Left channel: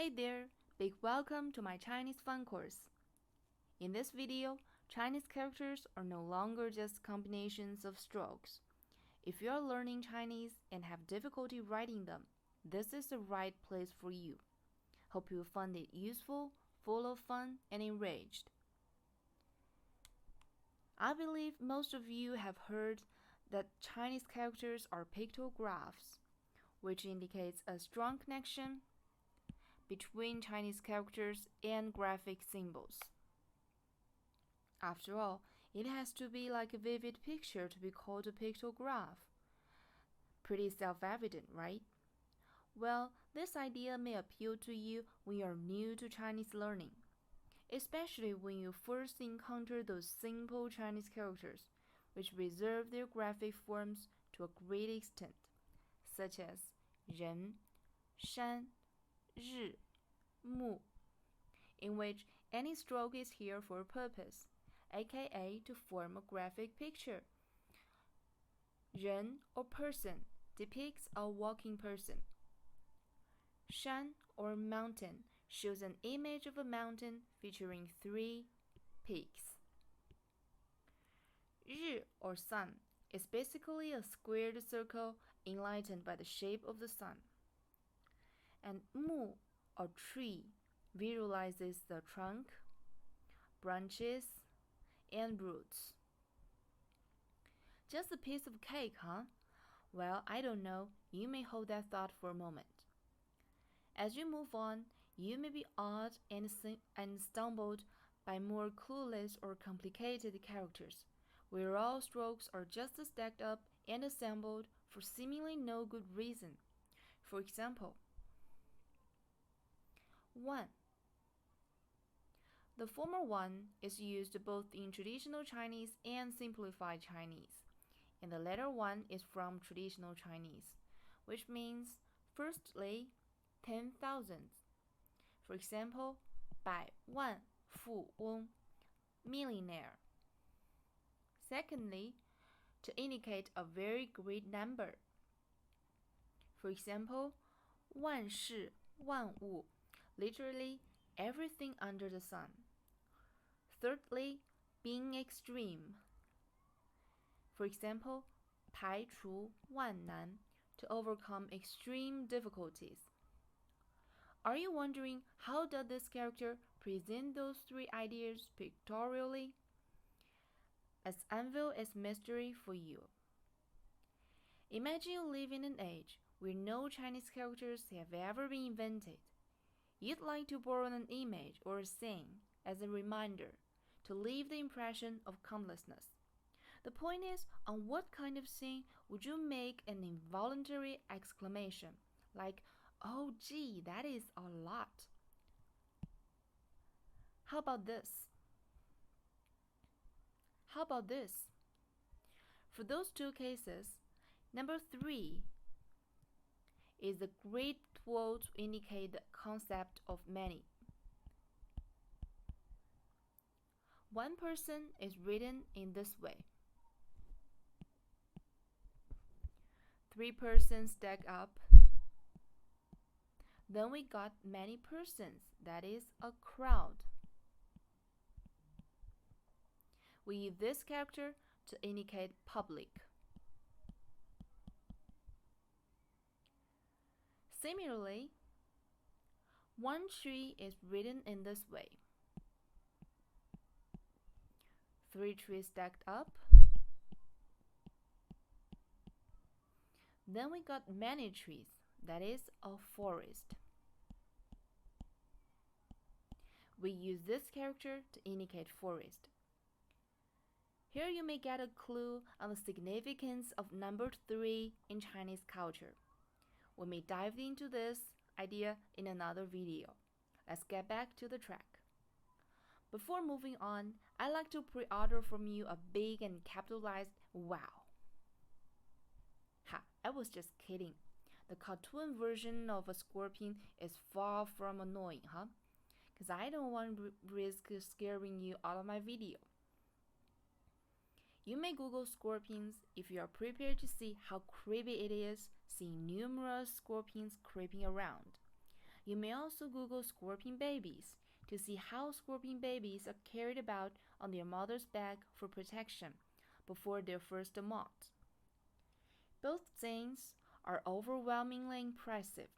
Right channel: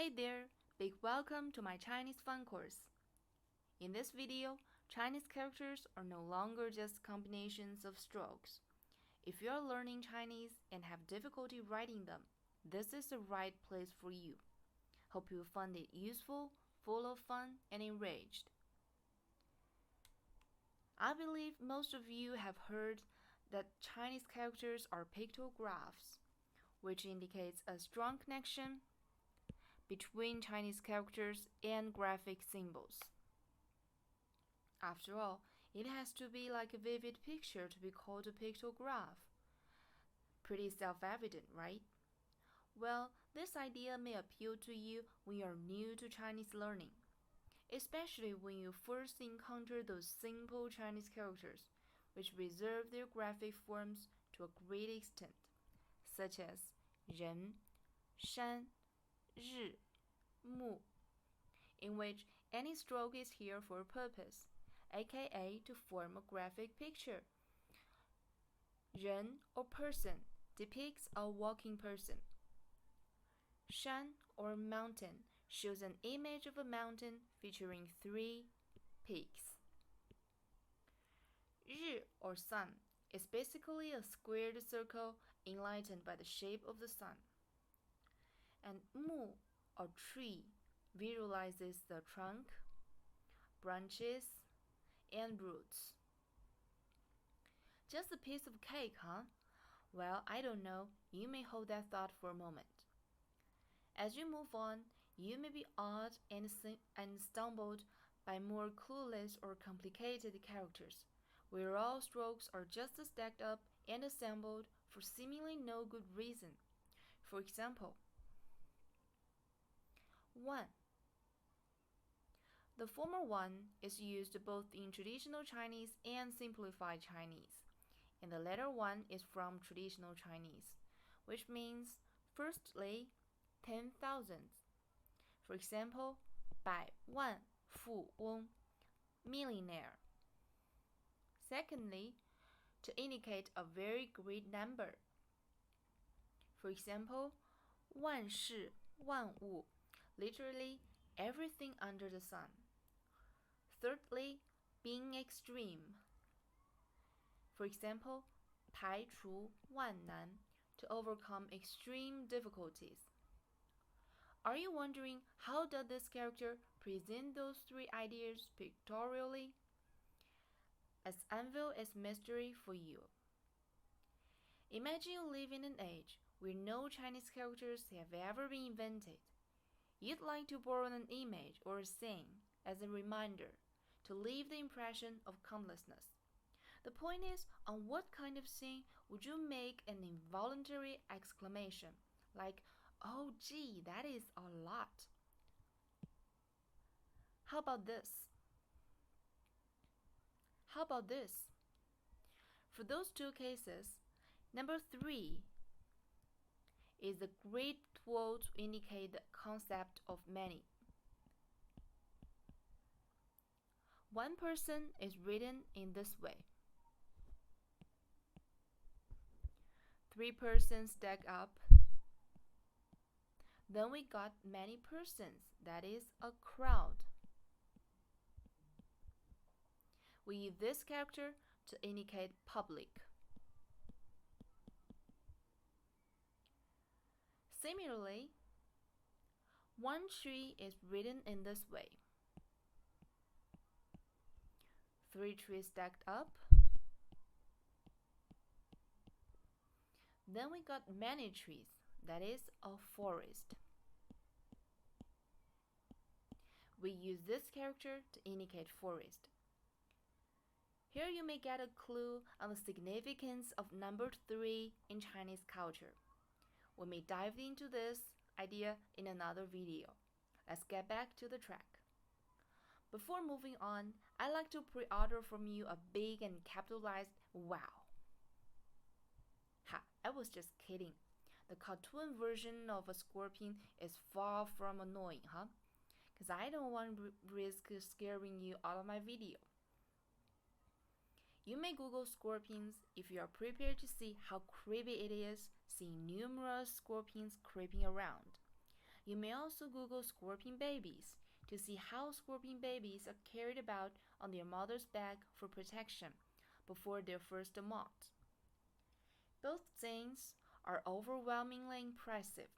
Hey there, big welcome to my Chinese fun course. In this video, Chinese characters are no longer just combinations of strokes. If you are learning Chinese and have difficulty writing them, this is the right place for you. Hope you find it useful, full of fun, and enriched. I believe most of you have heard that Chinese characters are pictographs, which indicates a strong connection between Chinese characters and graphic symbols. After all, it has to be like a vivid picture to be called a pictograph. Pretty self-evident, right? Well, this idea may appeal to you when you're new to Chinese learning, especially when you first encounter those simple Chinese characters, which reserve their graphic forms to a great extent, such as 人, 山, 日, 木, in which any stroke is here for a purpose, aka to form a graphic picture. 人 or person depicts a walking person. 山 or mountain shows an image of a mountain featuring 3 peaks. 日 or sun is basically a squared circle enlightened by the shape of the sun. And 木 or tree visualizes the trunk, branches, and roots. Just a piece of cake, huh? Well, I don't know. You may hold that thought for a moment. As you move on, you may be awed and stumbled by more clueless or complicated characters, where all strokes are just stacked up and assembled for seemingly no good reason. For example, 1. The former one is used both in traditional Chinese and simplified Chinese, and the latter one is from traditional Chinese, which means, firstly, 10,000. For example, 百万富翁, millionaire. Secondly, to indicate a very great number. For example, 万事万物, literally everything under the sun. Thirdly, being extreme. For example, 排除万难, to overcome extreme difficulties. Are you wondering how does this character present those 3 ideas pictorially? Let's unveil its mystery for you. Imagine you live in an age where no Chinese characters have ever been invented. You'd like to borrow an image or a saying as a reminder to leave the impression of countlessness. The point is, on what kind of saying would you make an involuntary exclamation, like, "Oh gee, that is a lot"? How about this? How about this? For those 2 cases, number 3 is a great tool to indicate the concept of many. 1 person is written in this way. 3 persons stack up. Then we got many persons, that is a crowd. We use this character to indicate public. Similarly, 1 tree is written in this way. 3 trees stacked up. Then we got many trees, that is a forest. We use this character to indicate forest. Here you may get a clue on the significance of number 3 in Chinese culture. We may dive into this idea in another video. Let's get back to the track. Before moving on, I'd like to pre-order from you a big and capitalized wow. Ha, I was just kidding. The cartoon version of a scorpion is far from annoying, huh? Because I don't want to risk scaring you out of my video. You may Google scorpions if you are prepared to see how creepy it is seeing numerous scorpions creeping around. You may also Google scorpion babies to see how scorpion babies are carried about on their mother's back for protection before their first molt. Both things are overwhelmingly impressive.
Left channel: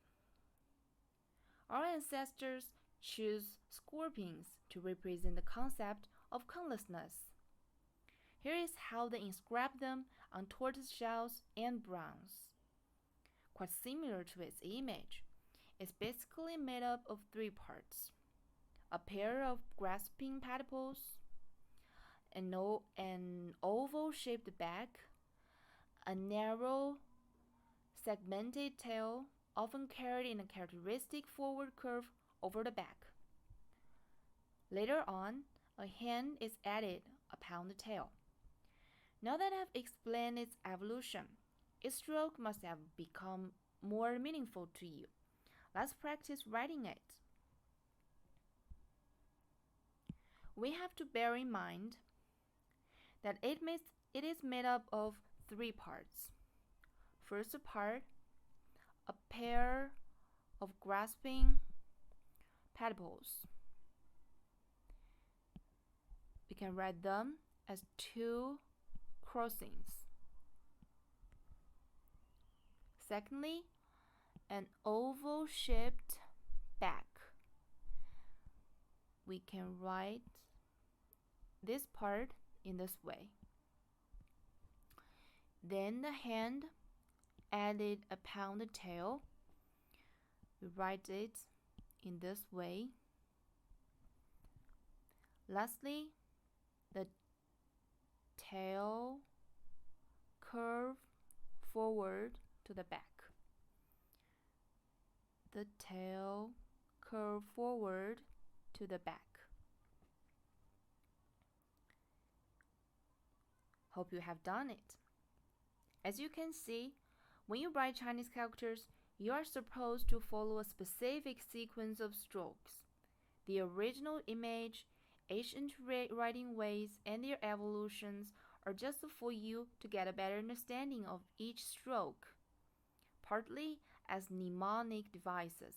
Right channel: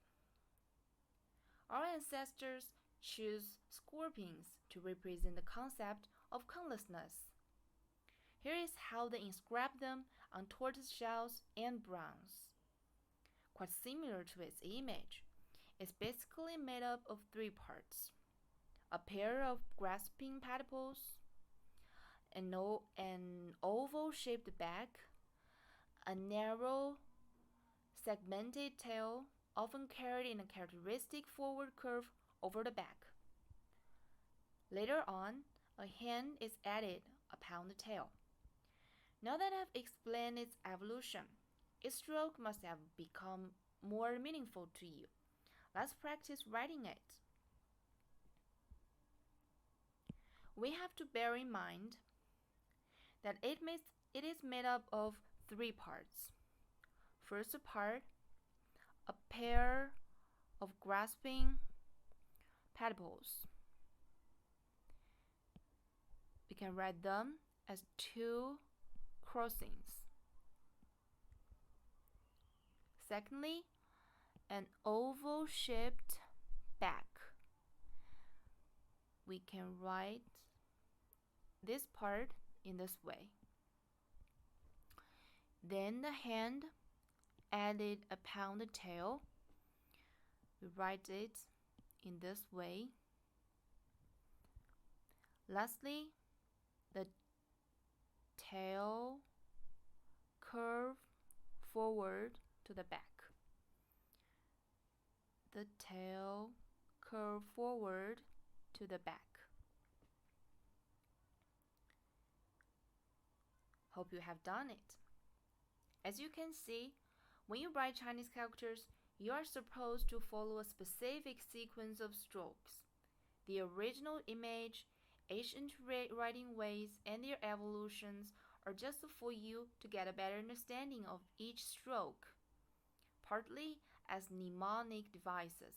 Our ancestors chose scorpions to represent the concept of countlessness. Here is how they inscribed them on tortoise shells and bronze. Quite similar to its image, it's basically made up of three parts: a pair of grasping pedipalps, an oval-shaped back, a narrow, segmented tail, often carried in a characteristic forward curve over the back. Later on, a hand is added upon the tail. Now that I've explained its evolution, its stroke must have become more meaningful to you. Let's practice writing it. We have to bear in mind that it is made up of three parts. First part, a pair of grasping pedipalps. We can write them as two crossings. Secondly, an oval-shaped back. We can write this part in this way. Then the hand added upon the tail. We write it in this way. Lastly, the tail curve forward to the back. The tail curve forward to the back. Hope you have done it. As you can see, when you write Chinese characters, you are supposed to follow a specific sequence of strokes. The original image, ancient writing ways, and their evolutions are just for you to get a better understanding of each stroke, partly as mnemonic devices.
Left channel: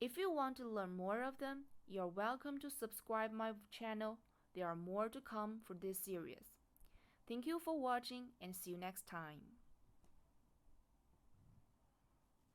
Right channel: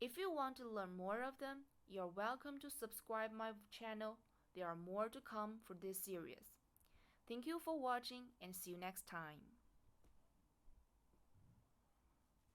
If you want to learn more of them, you are welcome to subscribe my channel. There are more to come for this series. Thank you for watching and see you next time.